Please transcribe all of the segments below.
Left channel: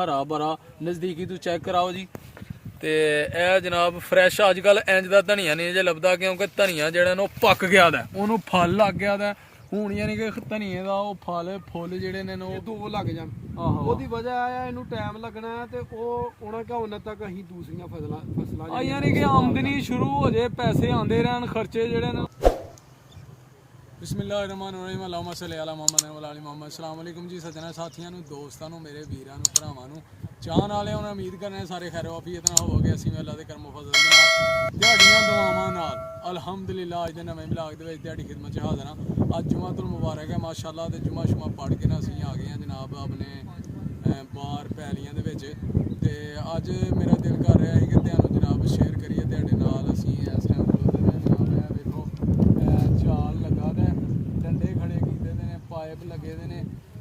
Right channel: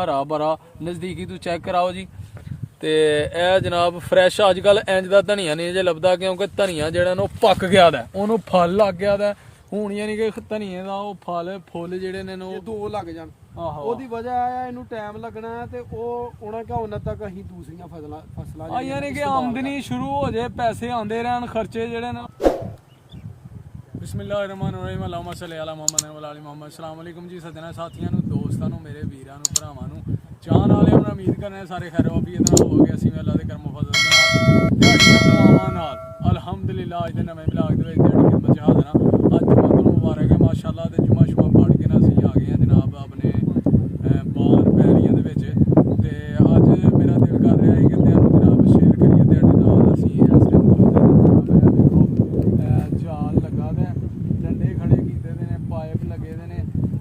हरा भरा नज़दीकी तू चेक कराओ जी। तो यह जनाब फ्रैश अजकल इंज का धनिया नहीं जे लभदा क्योंकि धनिया जिहड़ा ना पक गया दा उन्होंने फल लग गया दा हुण यानी कि धनिए का वो फुल जिहड़े ने दो लग जान ਉਹਦੀ ਵਜ੍ਹਾ ਹੈ ਇਹਨੂੰ ਟਾਈਮ ਲੱਗਣਾ ਹੈ ਤੇ ਉਹ ਉਹਨਾਂ ਕਾ ਉਹਨਾਂ ਤੱਕ ਅਸੀਂ ਦੂਸਰੀਆਂ ਫਸਲਾਂ यानी कि आमदनी शुरू हो जाए पैसे आते रहन खर्चे जिहड़े ना। बिस्मिल्लाहिर्रहमानिर्रहीम अल्लाहुम्मा सल्ली अला मुहम्मद व अला मुहम्मद। अस्सलाम वालेकुम जी सज्जनों साथियों दोस्तों मेरे वीरां भरावां चाहण वाले हम उम्मीद करने सारे खैर वाफियत नाल हो गए असीं अल्लाह दे करम फजल दे नाल दिहाड़ियां दुआवां नाल अल्हम्दुलिल्लाह अज दे नवें ब्लॉग दे विच दिहाड़ी खिदमत च हाज़र हां। अज जुमा मुबारक है माशाअल्लाह ते जुमा शुमा पढ़ के ना असीं आ गए हैं जनाब अपने बाहर पैलियां दे विच ते अज मेरा दिल कर रहा है कि तुहानूं जनाब शेयर करिए तुहाडे नाल असीं इस टाइम खलोते जनाब देखो जाल लगा दा डंडे खड़े कीते दे ने पाइप लगे दे ने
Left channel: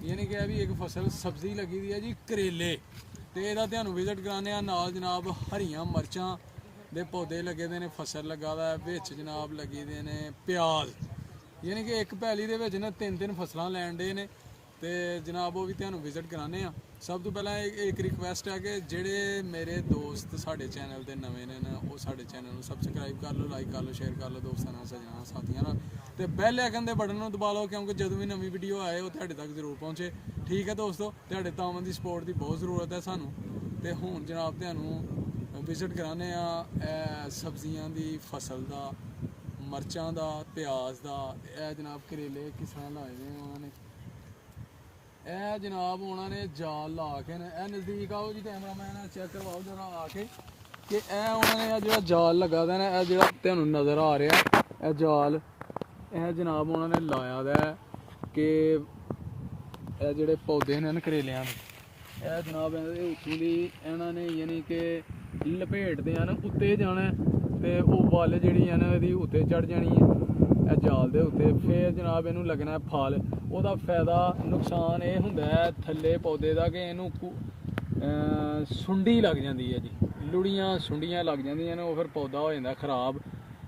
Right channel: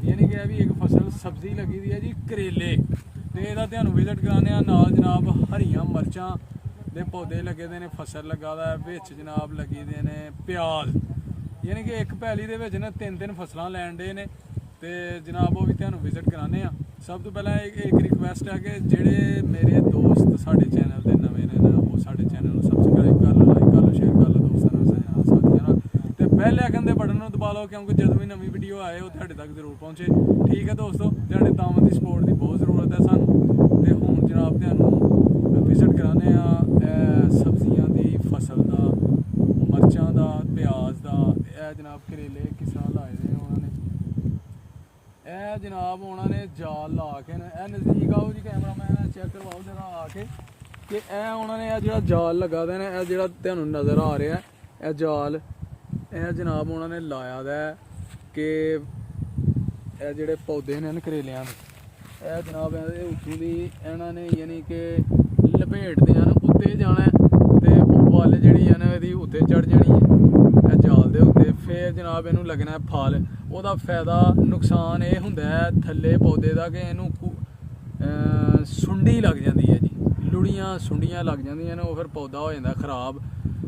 यानी कि भी एक फसल सब्जी लगी दी है जी करेले ते इहदा तुहानूं विजिट कराने आ नाल जनाब हरियां मरचां दे पौधे लगे दे ने फसल लगा दा विच जनाब लगी दे ने प्याज यानी कि एक पैली दे विच ना तीन फसलां लैण डे ने ते जनाब वो भी तुहानूं विजिट कराने आ। सब तो पहला एक रिक्वेस्ट है कि जेड़े मेरे दोस्त साडे चैनल दे नवें ने ना वो साडे चैनल नूं सबसक्राइब कर लो लाइक कर लो शेयर कर लो दोस्तां नाल सज्जनां साथियां नाल ते बेल आइकन दे बटन नूं दबा लो क्योंकि जदों भी नवीं वीडियो आए वो तुहाडे तक जरूर पहुंचे। ठीक है दोस्तों तुहाडे तामत दी सपोर्ट दी बहुत ज़रूरत है सानूं ते हुण जनाब तुहानूं विजिट कराने आ सब्जियां दी फसल दा मरचां दा प्याज दा ए जनाब करेले किस तरह लाए दे उन्होंने ए जनाब उन्होंने जाल ला के ए नज़दीक आओ जी कैमरा मैन चेक करवाओ जरा आके कि ए उन्होंने जो जाल लगा दा ना जो तुहानूं नज़र आ रहा है जाल ए जनाब उन्होंने लाया दा कि ए जिहड़े पौधे ने करेलियां दे ए जनाब उत्तों दी इन्होंने यानी कि लपेटदे हैं उत्ते जाना ते ओह बल जिहड़ी है ना इहदी उत्ते चढ़ जानी है जाल दे उत्ते फिर जनाब इनू लगना है फल ਉਹਦਾ फायदा नुकसान ये हुंदा है थल्ले पौधे का कि इनू सुंडी लग जाती है जी लुड़ियाँ सुंडियाँ लग जांदियां ने फिर पौधा हो जाता खराब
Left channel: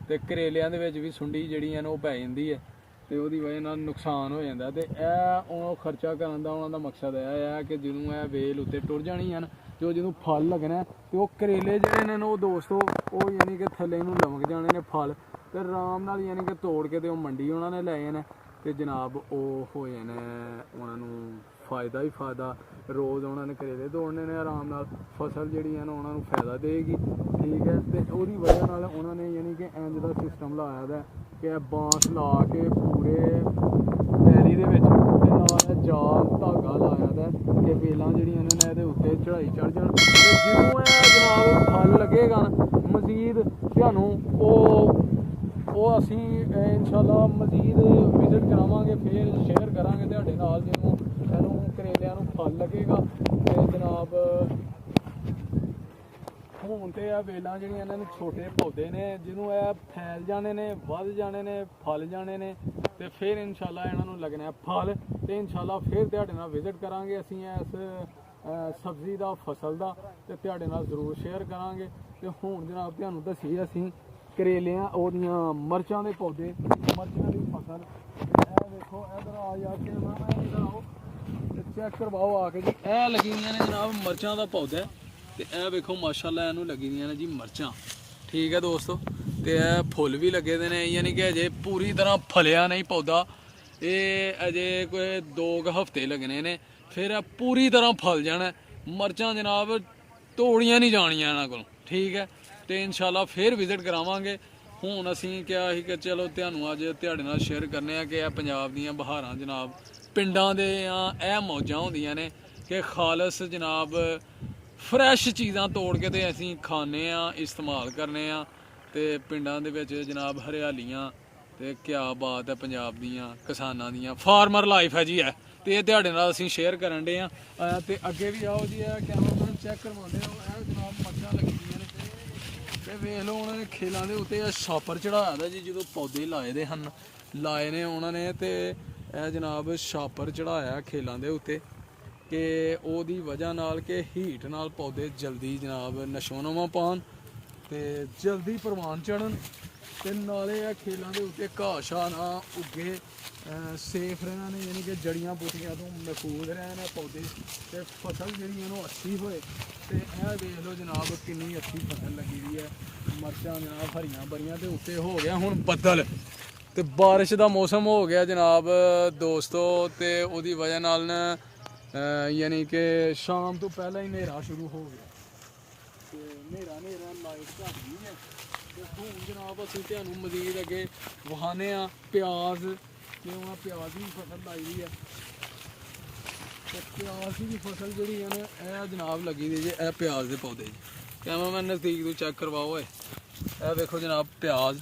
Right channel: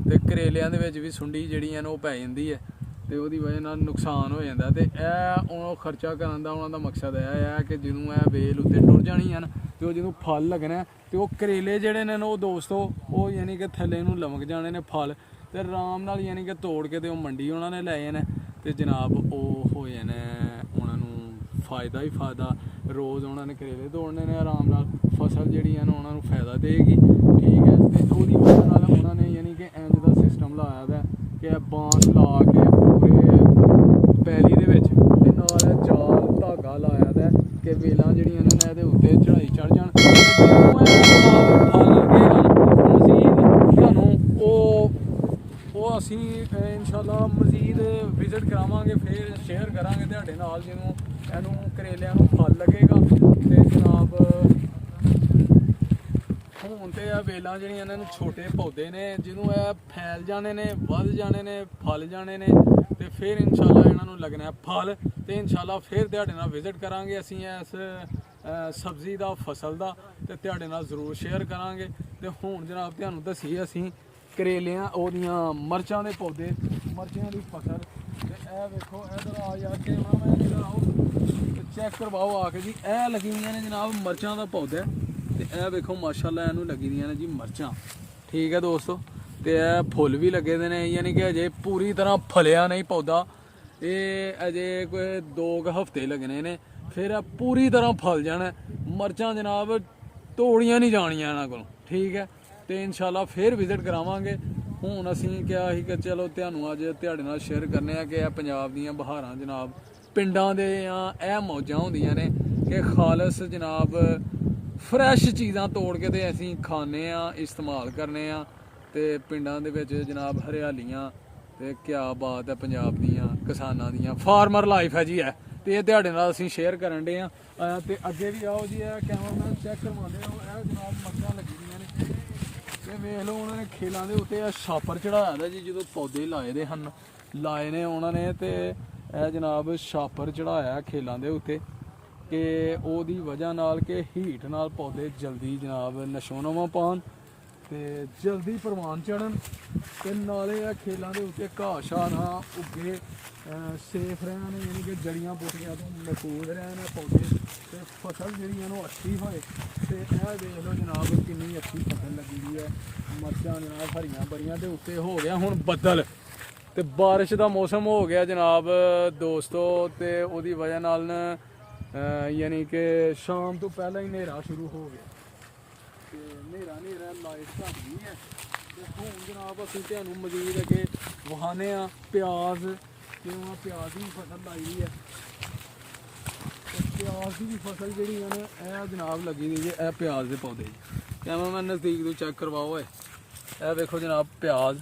ते करेलियां दे विच भी सुंडी जिहड़ी है पै जाती है तो उसदी वजह नाल नुकसान हो जाता ते यह खर्चा करन दा उन्हां दा मकसद यह है कि जदों यह बेल उत्ते टुर जानी है तो जो फल लगना तो वह करेले जिहड़े ने वो दोस्तों वो यानी कि थल्ले नूं लमक जाने ने फल तो आराम नाल यानी कि तोड़ के तो मंडी उन्होंने ले जाने तो जनाब वो हो जाने उन्होंने फ़ायदा ही फ़ायदा रोज़ उन्होंने करेले तोड़ने ने आराम नाल फसल जिहड़ी है ना उन्होंने फ़ायदा देगी। ठीक है तो उसदी वजह नाल उन्होंने यानी कि इंज दा सिस्टम लाया दा कि बांस ला के पूरे पैली दे विच ते नाल जाल धागा लाया दा कि बेलां जिहड़ियां ने इहदे उत्ते चढ़ाई चढ़ जाण लगेगा मज़ीद तुहानूं वो असी इंशाअल्लाह मज़ीद विजिट करावांगे फिर शेयर करांगे तुहाडे नाल जिन्हों इहनूं करेलियां नूं फल लगेगा ते जनाब हुण ते बेलां जिहड़ियां ने छोटे पौधे ने जिन्हों फैल जाने ने वध जाने ने फल जाने ने ते फिर इंशाअल्लाह इन्हां नूं लगना है फल ते इंशाअल्लाह फिर तुहाडे नाल विजिट करांगे असीं इस सब्जी दा फसल दा ते तुहाडे नाल जरूर शेयर करांगे। ते हुण जनाब तुहानूं दस्सीए असीं करेलियां ओदियां मरचां दे पौधे मरचां दी फसल ते वेखो इधर आ यार कैमरा मैन इधर आओ ते चेक करवाओ आके जी ए लगी दियां ने जनाब मरचां दा पौधा ते ए वेखो माशाअल्लाह इनू लगी दियां ने जी मरचां। ठीक है दोस्तों ते फुल भी लगे दे ने यानी कि अजे पूरी तरह फलिया नहीं पौधा ये अजे कोई 2 हफ्ते लगने ने फिर पूरी तरह फल जाना मरचां जनाब तोड़ियां नहीं जानियां इन्हां कोलों। ठीक है तो इंशाअल्लाह फिर विजिट करावांगे। हुण असीं क्या ही कि चलो तुहानूं अज तुहाडे नाल शेयर करने आ कि पंजाब दीयां बहारां जनाब पिंडां दे यह मौजां होंदियां ने कि खालस जनाब फ्रैश चीज़ां तोड़ के ते असीं खाने इस्तेमाल करने ते पिंडां दे विच जनाब हरियालियां ते क्या बात है पंजाब दीयां किसानां दीयां फार्मर लाइफ है जी है तो ये तुहाडे नाल असीं शेयर करन डे ते अगे भी आओ जी कैमरामैन चेक करवाने जनाब मरचां लगी दियां ने ते वेख लो उन्होंने खेलों के उत्ते छापर चढ़ाया था जी जो पौधे लाए दे हन लाए ने उन्होंने तो यह जनाब छापर चढ़ाया खेलों के उत्ते कि वजह नाल के हीट नाल पौधे जल्दी जनाब नशो नमा पान ਤੇ ਜਲਦੀ ਪ੍ਰਵਾਨ ਚੜਨ ਤੇ ਨਾਲੇ ਆ ਖੇਲਾਂ ਦੇ ਉੱਤੇ ਘਾਹ ਸ਼ਾਹ ਨਾ ਉੱਗੇ ਸੇਫ ਰਹਿਣ, ਯਾਨੀ ਕਿ ਜੜੀਆਂ ਬੂਟੀਆਂ ਤੋਂ ਮਹਿਫੂਜ਼ ਰਹਿਣ ਪੌਦੇ, ਤੇ ਫਸਲ ਜਿਹੜੀ ਇਹਨੂੰ ਅੱਛੀ ਹੋਏ। ਤੇ ਇਹ ਦੇਖ ਲਓ ਜਨਾਬ ਕਿੰਨੀ ਅੱਛੀ ਫਸਲ ਲੱਗੀ ਹੋਈ ਹੈ। ਮਿਰਚਾਂ ਜਨਾਬ ਹਰੀਆਂ ਬਰੀਆਂ ਦੇ ਉੱਤੇ ਹੋ ਗਿਆ ਹੁਣ ਬੱਦਲ, ਤੇ ਬਾਰਿਸ਼ ਦਾ ਮੌਸਮ ਹੋ ਗਿਆ ਜਨਾਬ ਦੋਸਤੋ। ਤੇ ਉਹਦੀ ਵਜ੍ਹਾ ਨਾਲ ਨਾ ਯਾਨੀ ਕਿ ਸ਼ਾਮ ਤੋਂ ਪਹਿਲਾਂ ਹੀ ਹਨੇਰਾ ਸ਼ੁਰੂ ਹੋ ਗਿਆ, ਤੇ ਹਨੇਰਾ ਲਾਈਟ ਘੱਟ ਗਈ ਹੈ। ਤੇ ਹੁਣ ਜਨਾਬ ਅਸੀਂ ਤੁਹਾਨੂੰ ਮਜ਼ੀਦ ਅੱਗੇ ਵਹਾਨੇ ਆ ਪਿਆਜ਼, ਕਿਉਂ ਆ ਪਿਆਜ਼ ਦੀ ਫਸਲ ਲਾਈ ਦੀ ਹੈ। ਤੇ ਪਿਆਜ਼ ਦੀ ਫਸਲ ਜਿਹੜੀ ਹੈ ਨਾ ਇਹ ਜਨਾਬ ਲੱਗੀ ਦੀ ਜੇ, ਇਹ ਪਿਆਜ਼ ਦੇ ਪੌਦੇ ਕੈਮਰਾਮੈਨ ਨਜ਼ਦੀਕ ਤੋਂ ਚੈੱਕ ਕਰਵਾਓ। ਇਹ ਵੇਖੋ ਜਨਾਬ ਪਿਆਜ਼,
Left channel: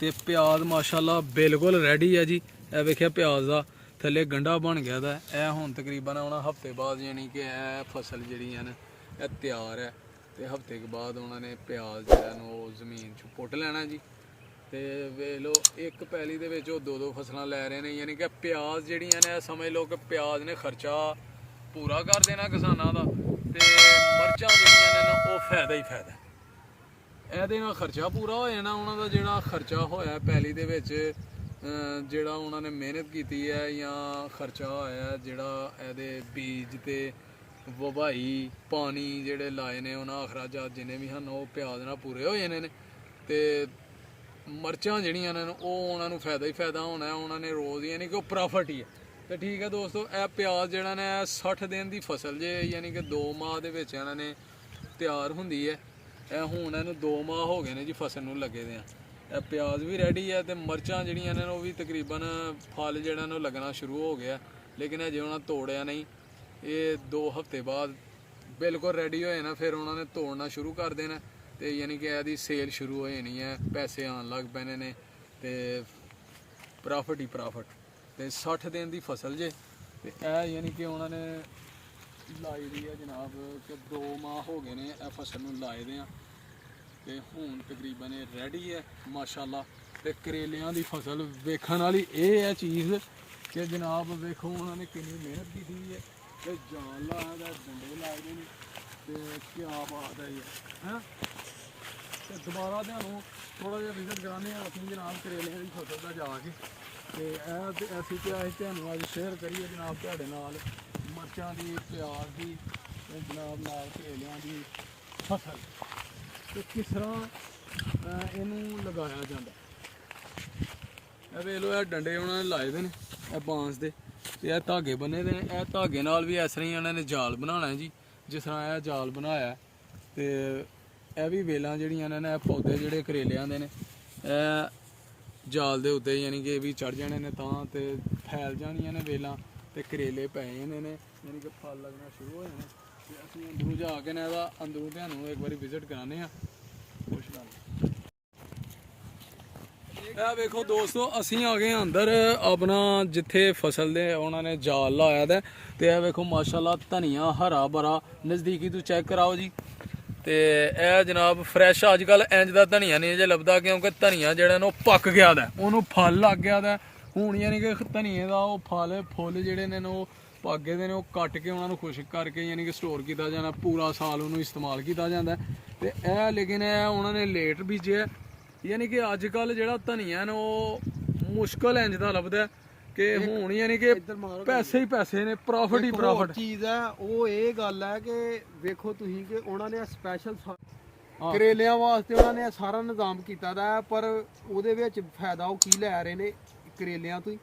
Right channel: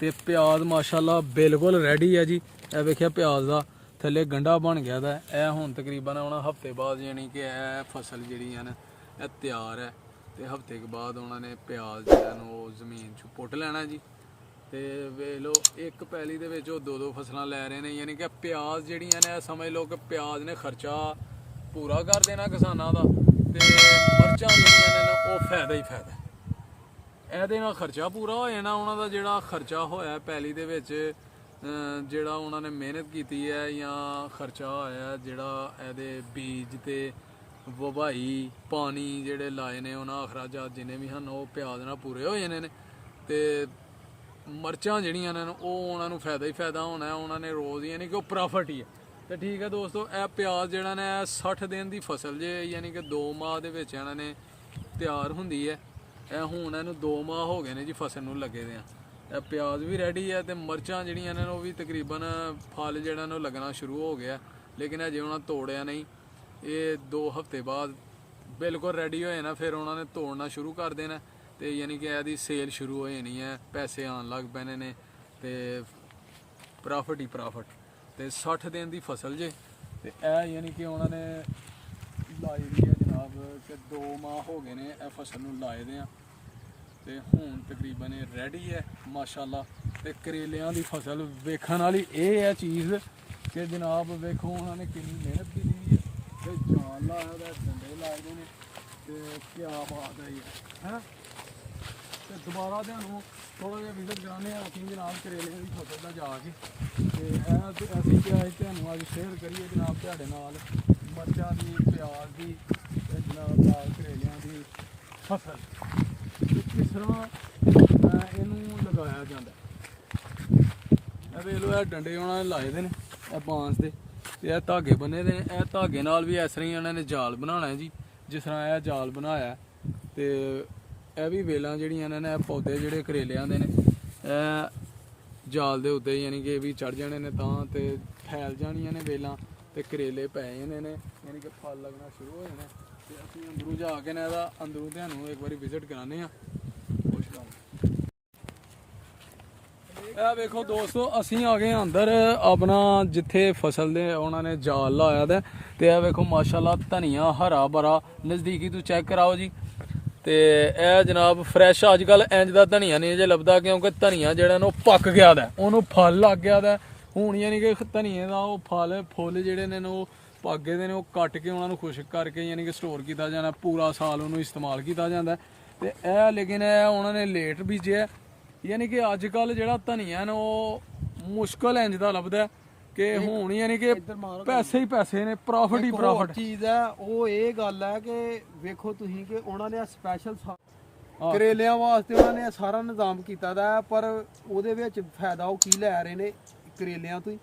ਤੇ ਪਿਆਜ਼ ਮਾਸ਼ਾਅੱਲਾ ਬਿਲਕੁਲ ਰੈਡੀ ਹੈ ਜੀ। ਇਹ ਵੇਖਿਆ ਪਿਆਜ਼ ਦਾ ਥੱਲੇ ਗੰਢਾ ਬਣ ਗਿਆ ਦਾ, ਇਹ ਹੁਣ ਤਕਰੀਬਨ ਆਉਣਾ ਹਫਤੇ ਬਾਅਦ, ਯਾਨੀ ਕਿ ਇਹ ਫਸਲ ਜਿਹੜੀ ਹੈ ਨਾ ਇਹ ਤਿਆਰ ਹੈ। ਤੇ ਹਫਤੇ ਕੇ ਬਾਅਦ ਉਹਨਾਂ ਨੇ ਪਿਆਜ਼ ਜਿਹੜਾ ਨੂੰ ਉਹ ਜ਼ਮੀਨ 'ਚ ਪੁੱਟ ਲੈਣਾ ਜੀ। ਤੇ ਵੇਖ ਲਓ ਇੱਕ ਪੈਲੀ ਦੇ ਵਿੱਚ ਉਹ 2-2 ਫਸਲਾਂ ਲੈ ਰਹੇ ਨੇ, ਯਾਨੀ ਕਿ ਪਿਆਜ਼ ਜਿਹੜੀਆਂ ਨੇ ਸਮਝ ਲਓ ਕਿ ਪਿਆਜ਼ ਨੇ ਖਰਚਾ ਪੂਰਾ ਕਰ ਦੇਣਾ ਕਿਸਾਨਾਂ ਦਾ, ਤੇ ਮਿਰਚਾਂ ਜਿਹੜੀਆਂ ਨੇ ਨਾ ਉਹ ਫਾਇਦਾ ਹੀ ਫਾਇਦਾ। ਇਹਦੇ ਨਾਲ ਖਰਚਾ ਪੂਰਾ ਹੋ ਜਾਣਾ ਉਹਨਾਂ ਦਾ, ਜਿਹੜਾ ਖਰਚਾ ਹੋਇਆ ਪੈਲੀ ਦੇ ਵਿੱਚ, ਜਿਹੜਾ ਉਹਨਾਂ ਨੇ ਮਿਹਨਤ ਕੀਤੀ ਹੈ ਜਾਂ ਖਰਚਾ ਹੋਇਆ ਜਿਹੜਾ ਇਹਦੇ ਬੀਜ ਤੇ ਵਵਾਈ ਪਾਣੀ ਜਿਹੜੇ ਲਾਏ ਨੇ ਉਹਨਾਂ ਅਖਰਾਜਾਤ ਜਿੰਨੇ ਵੀ ਹਨ ਉਹ ਪਿਆਜ਼ ਨਾਲ ਪੂਰੇ ਹੋ ਜਾਣੇ ਨੇ। ਤੇ ਮਿਰਚਾਂ ਜਿਹੜੀਆਂ ਨੇ ਉਹ ਉਹਨਾਂ ਨੂੰ ਫਾਇਦਾ ਹੀ ਫਾਇਦਾ ਹੋਣਾ, ਉਹਨਾਂ ਨੇ ਰੋਜ਼ ਯਾਨੀ ਕਿ ਉਹ ਪ੍ਰੋਫਿਟ ਹੀ ਹੈ। ਤੇ ਠੀਕ ਹੈ ਦੋਸਤੋ, ਇਹ ਪਿਆਜ਼ ਜਿਹੜਾ ਨੇ 60 ਦਿਨ ਦੀ ਫਸਲ ਜੇ, ਯਾਨੀ ਕਿ 2 ਮਾਹ ਦੇ ਵਿੱਚ ਇਹਨਾਂ ਨੇ ਤਿਆਰ ਹੁੰਦੀ ਹੈ। ਇਹ ਹੁਣ ਇਹਨੂੰ 2 ਮਾਹ ਹੋ ਗਏ ਨੇ ਜੀ ਫਸਲ ਨੂੰ ਲੱਗੇ ਦੇ ਆ। ਇਹ ਪਿਆਜ਼ ਵੀ ਰੈਡੀ ਹੈ, ਤੇ ਮਿਰਚਾਂ ਜਿਹੜੀਆਂ ਨੇ ਉਹ ਵੀ ਤਕਰੀਬਨ ਫਲ ਜਿਹੜਾ ਨੂੰ ਲੱਗਣਾ ਸ਼ੁਰੂ ਹੋ ਗਿਆ, ਲੇਕਿਨ ਅਜੇ ਉਹਨਾਂ ਤੋੜਿਆ ਨਹੀਂ। ਇਹ 2 ਹਫ਼ਤੇ ਬਾਅਦ ਬਿਲਕੁਲ ਰੈਡੀ ਹੋ ਜਾਣਾ, ਫਿਰ ਉਹਨਾਂ ਨੇ ਤੋੜਨਾ ਸ਼ੁਰੂ ਕਰ ਦੇਣਾ, ਤੇ ਯਾਨੀ ਕਿ ਇਹਦੀ ਸੇਲ ਸ਼ੁਰੂ ਹੋ ਜਾਣੀ ਹੈ, ਪੈਸੇ ਆਉਣ ਲੱਗ ਪੈਣੇ ਨੇ, ਤੇ ਪ੍ਰੋਫਿਟ ਹੀ ਪ੍ਰੋਫਿਟ। ਤੇ 60 ਦਿਨ ਦੀ ਫਸਲ ਜੇ, ਤੇ ਇਹ ਯਾਨੀ ਕਿ ਉਹਨਾਂ ਨੇ ਲਾਈ ਦੀ ਹੈ ਜਨਾਬ ਕਿ 2 ਮਾਹ ਹੋ ਗਏ ਨੇ ਇਹ ਫਸਲ ਨੂੰ ਲਾਏ ਦੇ ਆ, ਤੇ ਹੁਣ ਤਕਰੀਬਨ ਇਹ ਰੈਡੀ ਹੈ ਮਾਸ਼ਾਅੱਲਾ। ਤੇ ਕਰੇਲਿਆਂ ਦੀ ਫਸਲ ਵੇਖਣ ਵਾਲੀ ਇਹ ਹੈ ਚੀਜ਼ ਕਿ ਜਨਾਬ ਵੇਖੋ ਉਹਨਾਂ ਨੇ ਕਿੰਨੀ ਮਿਹਨਤ ਕੀਤੀ ਹੈ, ਤੇ ਜਾਨ ਲਾਇਆ ਦਾ, ਡੰਡੇ ਲਾਏ ਨੇ, ਤੇ ਕਿਆ ਬਾਤ ਹੈ ਹੈ। ਤੇ ਦੁਬਾਰਾ ਤੁਹਾਨੂੰ ਥੋੜਾ ਜਿਹਾ ਵਿਜ਼ਿਟ ਕਰਾਉਂਦੇ ਹਾਂ ਅਸੀਂ ਜਨਾਬ ਕਰੇਲਿਆਂ ਦੀ ਫਸਲ ਦਾ ਜਾ ਕੇ, ਤੇ ਇਹ ਅਸੀਂ ਤੁਹਾਨੂੰ ਅੱਜ ਸ਼ੇਅਰ ਕਰੀਏ ਜਨਾਬ ਤੁਹਾਡੇ ਨਾਲ ਮਿਰਚਾਂ ਦੀ, ਪਿਆਜ਼ ਦੀ, ਤੇ ਜਨਾਬ ਨਾਲ ਕਰੇਲਿਆਂ ਦੀ ਫਸਲ, ਤੇ ਕਿਸ ਤਰ੍ਹਾਂ ਇਹਨੂੰ ਲਗਾਇਆ ਜਾਂਦਾ। ਇਹ ਵੇਖ ਲਓ ਇਹ ਡੰਡੇ ਉਹਨਾਂ ਨੇ ਲਾਏ ਦੇ ਨੇ ਇਹ ਬਾਂਸ ਦੇ, ਤੇ ਇਹ ਧਾਗੇ ਬੰਨੇ ਦੇ। ਇਹ ਧਾਗੇ ਨਾਲ ਵੀ ਇਸ ਤਰ੍ਹਾਂ ਹੀ ਉਹਨਾਂ ਨੇ ਜਾਲ ਬਣਾਉਣਾ ਜੀ, ਜਿਸ ਤਰ੍ਹਾਂ ਇਹ ਜਾਲ ਬਣਾਇਆ। ਤੇ ਇਹ ਵੀ ਵੇਲਾਂ ਜਿਹੜੀਆਂ ਨੇ ਇਹ ਪੌਦੇ ਜਿਹੜੇ ਕਰੇਲਿਆਂ ਦੇ ਨੇ ਇਹ ਜਾਲ ਦੇ ਉੱਤੇ ਯਾਨੀ ਕਿ ਇਹ ਵੀ ਚੜ ਜਾਣੇ ਨੇ ਤਾਂ, ਤੇ ਫੈਲ ਜਾਣੀਆਂ ਨੇ ਵੇਲਾਂ, ਤੇ ਕਰੇਲੇ ਪੈ ਜਾਣੇ ਨੇ, ਯਾਨੀ ਕਿ ਫਲ ਲੱਗਣਾ ਸ਼ੁਰੂ ਹੋ ਜਾਣਾ। ਤੇ ਅਸੀਂ ਅੰਦਰੋਂ ਜਾ ਕੇ ਨਾ ਇਹਦਾ ਅੰਦਰੋਂ ਤੁਹਾਨੂੰ ਇੱਕ ਵਾਰੀ ਵਿਜ਼ਿਟ ਕਰਾਉਂਦੇ ਹਾਂ। ਇਹ ਵੇਖੋ ਦੋਸਤੋ ਅਸੀਂ ਆ ਗਏ ਅੰਦਰ ਆਪਣਾ ਜਿੱਥੇ ਫਸਲ ਦੇ ਉਹਨਾਂ ਨੇ ਜਾਲ ਲਾਇਆ ਦਾ, ਤੇ ਇਹ ਵੇਖੋ ਮਾਸ਼ਾਅੱਲਾ ਧਨੀਆ ਹਰਾ ਭਰਾ, ਨਜ਼ਦੀਕੀ ਤੋਂ ਚੈੱਕ ਕਰਾਓ ਜੀ। ਤੇ ਇਹ ਜਨਾਬ ਫਰੈਸ਼ ਅੱਜ ਕੱਲ ਇੰਜ ਦਾ ਧਨੀਆ ਨਹੀਂ ਜੇ ਲੱਭਦਾ, ਕਿਉਂਕਿ ਧਨੀਆ ਜਿਹੜਾ ਨਾ ਉਹ ਪੱਕ ਗਿਆ ਦਾ, ਉਹਨੂੰ ਫਲ ਲੱਗ ਗਿਆ ਦਾ। ਹੁਣ ਯਾਨੀ ਕਿ ਧਨੀਏ ਦਾ ਉਹ ਫੁੱਲ ਜਿਹੜੇ ਨੇ ਉਹ ਪੱਕ ਗਏ ਦੇ ਨੇ, ਉਹ ਕੱਟ ਕੇ ਉਹਨਾਂ ਨੂੰ ਖੁਸ਼ਕ ਕਰਕੇ ਯਾਨੀ ਕਿ ਸਟੋਰ ਕੀਤਾ ਜਾਣਾ, ਪੂਰਾ ਸਾਲ ਉਹਨੂੰ ਇਸਤੇਮਾਲ ਕੀਤਾ ਜਾਂਦਾ। ਤੇ ਇਹ ਲੇਕਿਨ ਇਹ ਉਹਨਾਂ ਨੇ ਲੇਟ ਬੀਜਿਆ, ਯਾਨੀ ਕਿ ਅੱਜ ਕੱਲ ਜਿਹੜਾ ਧਨੀਆ ਨਾ ਉਹ ਮੁਸ਼ਕਲ ਇੰਜ ਦਾ ਲੱਭਦਾ ਕਿ ਹੁਣ ਯਾਨੀ ਕਿ ਪੈਸੇ ਹੀ ਪੈਸੇ ਨੇ, ਪ੍ਰੋਫਿਟ ਹੀ ਪ੍ਰੋਫਿਟ ਚੀਜ਼ ਹੈ। ਉਹ ਇਹ ਗੱਲ ਹੈ ਕਿ ਵੇਖੋ ਤੁਸੀਂ ਕਿ ਉਹਨਾਂ ਨੇ ਸਪੈਸ਼ਲ ਕਰੇਲਿਆਂ ਵਾਸਤੇ ਉਹਨਾਂ ਨੇ ਸਾਰਾ ਨਿਜ਼ਾਮ ਕੀਤਾ ਦਾ, ਪਰ ਉਹਦੇ ਵਿੱਚ ਫਾਇਦਾ ਉਹ ਕੀ ਲੈ ਰਹੇ ਨੇ ਕਰੇਲਿਆਂ ਤੋਂ ਹੀ।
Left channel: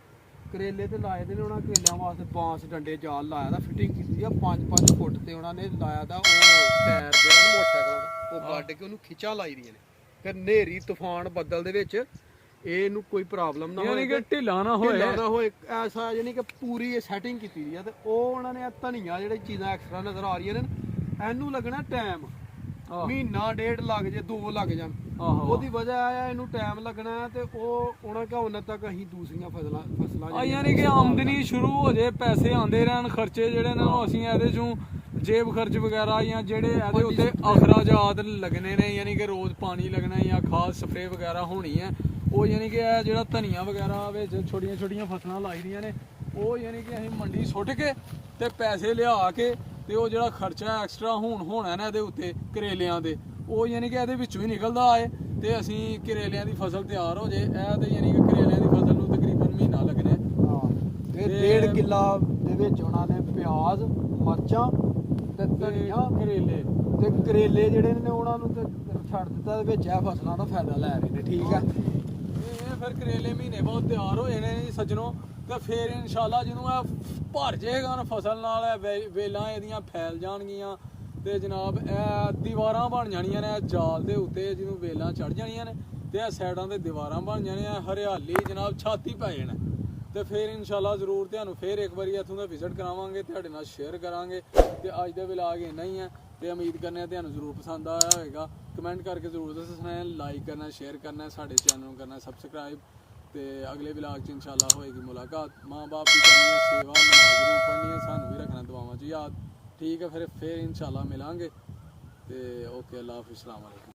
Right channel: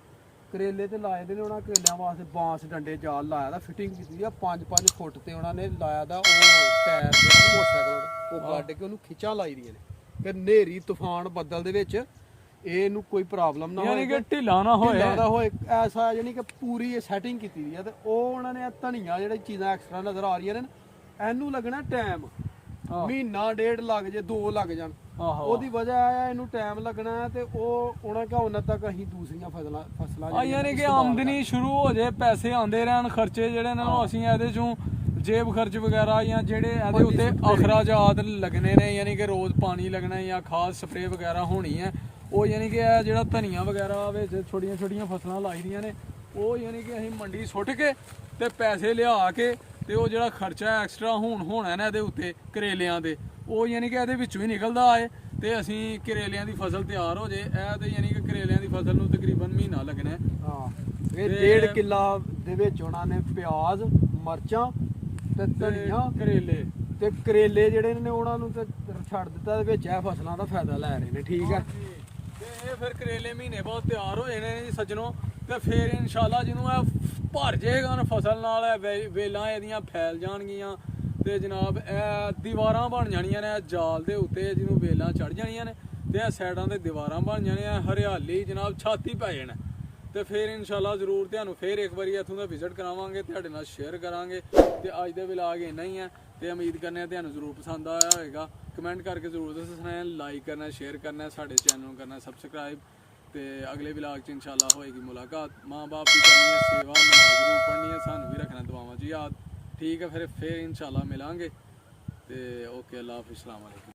ਕਰੇਲੇ ਤੇ ਲਾਏ ਦੇ ਨੇ ਉਹਨਾਂ ਕਰੇਲਿਆਂ ਵਾਸਤੇ ਬਾਂਸ ਡੰਡੇ ਜਾਲ ਲਾਇਆ ਦਾ, ਫਿਟਿੰਗ ਕੀਤੀ ਆ 5-5 ਫੁੱਟ ਤੇ ਉਹਨਾਂ ਨੇ ਲਾਇਆ ਦਾ। ਉਹ ਟਾਇਰ ਜਿਹੜਾ ਮੋਟਰਸਾਈਕਲ ਉਹ ਕੱਢ ਕੇ ਉਹਨੂੰ ਖਿੱਚਾਂ ਲਾਈ ਦੀਆਂ ਨੇ ਕਿ ਹਨੇਰੀ ਤੂਫਾਨ ਬੱਦਲ ਦੇ ਵਿੱਚ ਇਹਨੂੰ ਕੋਈ ਪ੍ਰੋਬਲਮ ਨਾ ਹੋਏ, ਯਾਨੀ ਕਿ ਢਿੱਲਾ ਨਾ ਹੋਏ ਐਸਾ, ਯਾਨੀ ਕਿ ਪੂਰੀ ਇਹ ਸੈਟਿੰਗ ਕੀਤੀ ਦੀ ਆ। ਤੇ ਉਹ ਉਹਨਾਂ ਨੇ ਧਨੀਆ ਜਿਹੜੀ ਚੀਜ਼ਾਂ ਐਕਸਟਰਾ ਨਜ਼ਰ ਆ ਰਹੀਆਂ ਨੇ, ਇਹਨੂੰ ਲੱਗਣਾ ਟਾਈਮ, ਮਹੀਨਾ ਡੇਢ ਲੱਗ ਜੇ 2 ਲੱਗ ਜਾਣ, ਉਹਦੀ ਵਜ੍ਹਾ ਆ ਇਹਨੂੰ ਟਾਈਮ ਲੱਗਣਾ। ਤੇ ਉਹ ਉਹਨਾਂ ਕਾ ਉਹਨਾਂ ਤੱਕ ਅਸੀਂ ਦੂਸਰੀਆਂ ਫਸਲਾਂ ਯਾਨੀ ਕਿ ਆਮਦਨੀ ਸ਼ੁਰੂ ਹੋ ਜੇ, ਪੈਸੇ ਆਉਂਦੇ ਰਹਿਣ, ਖਰਚੇ ਜਿਹੜੇ ਨੇ ਅਸੀਂ ਇਹਦੇ ਚੋਂ ਜੇਬ ਖਰਚ ਵਗੈਰਾ ਜਾਂ ਜਿਹੜੇ ਇਹਦੇ ਉੱਤੇ ਅਖਰਾਜਾਤ ਲੱਗਣੇ ਨੇ, ਯਾਨੀ ਕਿ ਰੋਜ਼ ਪਾਣੀ ਲੱਗਣਾ ਜਾਂ ਖਾਦ ਸਪਰੇ ਵਗੈਰਾ ਹੋਣੀ ਹੈ, ਉਹ ਯਾਨੀ ਕਿ ਇਹ ਜਿਹੜਾ ਧਨੀਆ ਵਗੈਰਾ ਵਿੱਚ ਛੋਟੀਆਂ ਛੋਟੀਆਂ ਫਸਲਾਂ ਲਾਈ ਦੀਆਂ ਨੇ, ਉਹ ਯਾਨੀ ਕਿ ਅਸੀਂ ਮੰਡੀ ਸੁੱਟ ਕੇ ਤੇ ਪੈਸੇ ਲਿਆ ਕੇ, ਤੇ ਉਹ ਜਿਹੜਾ ਖਰਚਾ ਐਕਸਟਰਾ ਹੋਣਾ ਨਾ ਇਹਦੇ ਉੱਤੇ ਕਰੇਲਿਆਂ ਦੇ, ਉਹ ਯਾਨੀ ਕਿ ਇਹਦੇ ਵਿੱਚੋਂ ਹੀ ਨਿਕਲਦਾ ਆਏ ਤੇ ਅਸੀਂ ਕਰੇਲਿਆਂ ਦੀ ਫਸਲ ਤਿਆਰ ਹੋ ਜੇ। ਇਹ ਤੇ ਯਾਨੀ ਕਿ ਕਰੇਲਿਆਂ ਦੀ ਫਸਲ ਨੂੰ ਤਕਰੀਬਨ ਮਹੀਨਾ ਲੱਗਣਾ ਹੈ। ਹਾਂ ਇਹ 1.5 ਕਿੱਲਾ ਦੇ ਵਿੱਚ ਉਹਨਾਂ ਨੇ ਪਿਆਜ਼, ਮਰਚਾਂ ਤੇ ਧਨੀਆ, ਕਰੇਲੇ ਤੇ ਕਰੇਲੇ ਜਿਹੜੇ ਨੇ ਉਹਨਾਂ ਨੂੰ ਤੇ ਛੱਡ ਦਿੱਤਾ, ਦੇ ਵਿੱਚ ਇਹ ਫਸਲਾਂ ਦਾ ਫਾਇਦਾ ਲੈ ਰਹੇ ਨੇ। ਠੀਕ ਹੈ, ਤੇ ਇਹ ਫਿਰ ਕਰੇਲੇ ਮਹੀਨੇ ਬਾਅਦ ਤਿਆਰ ਹੋ ਜਾਣੇ ਨੇ ਜੀ ਸੱਜਣੋ। ਤੇ ਫਿਰ ਇਨਸ਼ਾਅੱਲਾ ਜਿਹਨੂੰ ਇਹ ਭਰ ਜਾਏਗਾ ਨਾ ਫਸਲ ਨਾਲ, ਇਹ ਵੇਲਾਂ ਇਹਦੀਆਂ ਫੈਲ ਜਾਣਗੀਆਂ ਤੇ ਜਨਾਬ ਇਹ ਦੀਵਾਰਾਂ ਬਣ ਜਾਣੀਆਂ ਨੇ ਜਾਲ ਦੇ ਉੱਤੇ, ਜਿਹਨੂੰ ਵੇਲਾਂ ਚੜ ਜਾਣੀਆਂ ਨੇ ਤੇ ਇਹ ਸਾਈਡਾਂ ਤੇ ਦੀਵਾਰਾਂ ਬਣ ਜਾਣੀਆਂ, ਹਰਿਆਲੀ ਜਨਾਬ ਛਾਤੀ ਪੈ ਜਾਣਾ। ਤੇ ਫਿਰ ਇਨਸ਼ਾਅੱਲਾ ਜ਼ਰੂਰ ਤੁਹਾਨੂੰ ਫਿਰ ਇੱਕ ਵਾਰੀ ਇੱਥੋਂ ਦਾ ਵਿਜ਼ਿਟ ਕਰਾਵਾਂਗੇ, ਤੁਹਾਡੇ ਨਾਲ ਸ਼ੇਅਰ ਕਰਾਂਗੇ। ਤੇ ਅੱਜ ਦੇ ਵਲੌਗ ਇੰਨਾ ਹੀ ਹੈ ਤੇ ਉਮੀਦ ਕਰਨੇ ਆ ਤੁਹਾਨੂੰ ਜ਼ਰੂਰ ਪਸੰਦ ਆਇਆ ਹੋਵੇਗਾ। ਕਮੈਂਟ ਕਰਕੇ ਜ਼ਰੂਰ ਦੱਸਣਾ ਹੈ, ਲਾਈਕ ਕਰਨਾ, ਸ਼ੇਅਰ ਕਰਨਾ, ਸਾਡੇ ਚੈਨਲ ਨੂੰ ਕਰਨਾ ਸਬਸਕ੍ਰਾਈਬ। ਤੇ ਅਗਲੇ ਵਲੌਗ 'ਚ ਇਨਸ਼ਾਅੱਲਾ ਹੋਏਗੀ ਮੁਲਾਕਾਤ। ਮਾਂ ਬਾਪ ਦੀ ਕਰਨੀ ਹੈ ਸੇਵਾ, ਨਮਾਜ਼ ਜ਼ਰੂਰ ਪੜ੍ਹਨੀ ਹੈ, ਸਾਨੂੰ ਵੀ ਰੱਖਣਾ ਦੁਆਵਾਂ 'ਚ ਯਾਦ। ਠੀਕ ਹੈ, ਫਿਰ ਇਨਸ਼ਾਅੱਲਾ ਮਿਲਾਂਗੇ। ਤੇ ਓਕੇ, ਅੱਲਾ ਹਾਫਿਜ਼, अस्सलाम वालेकुम।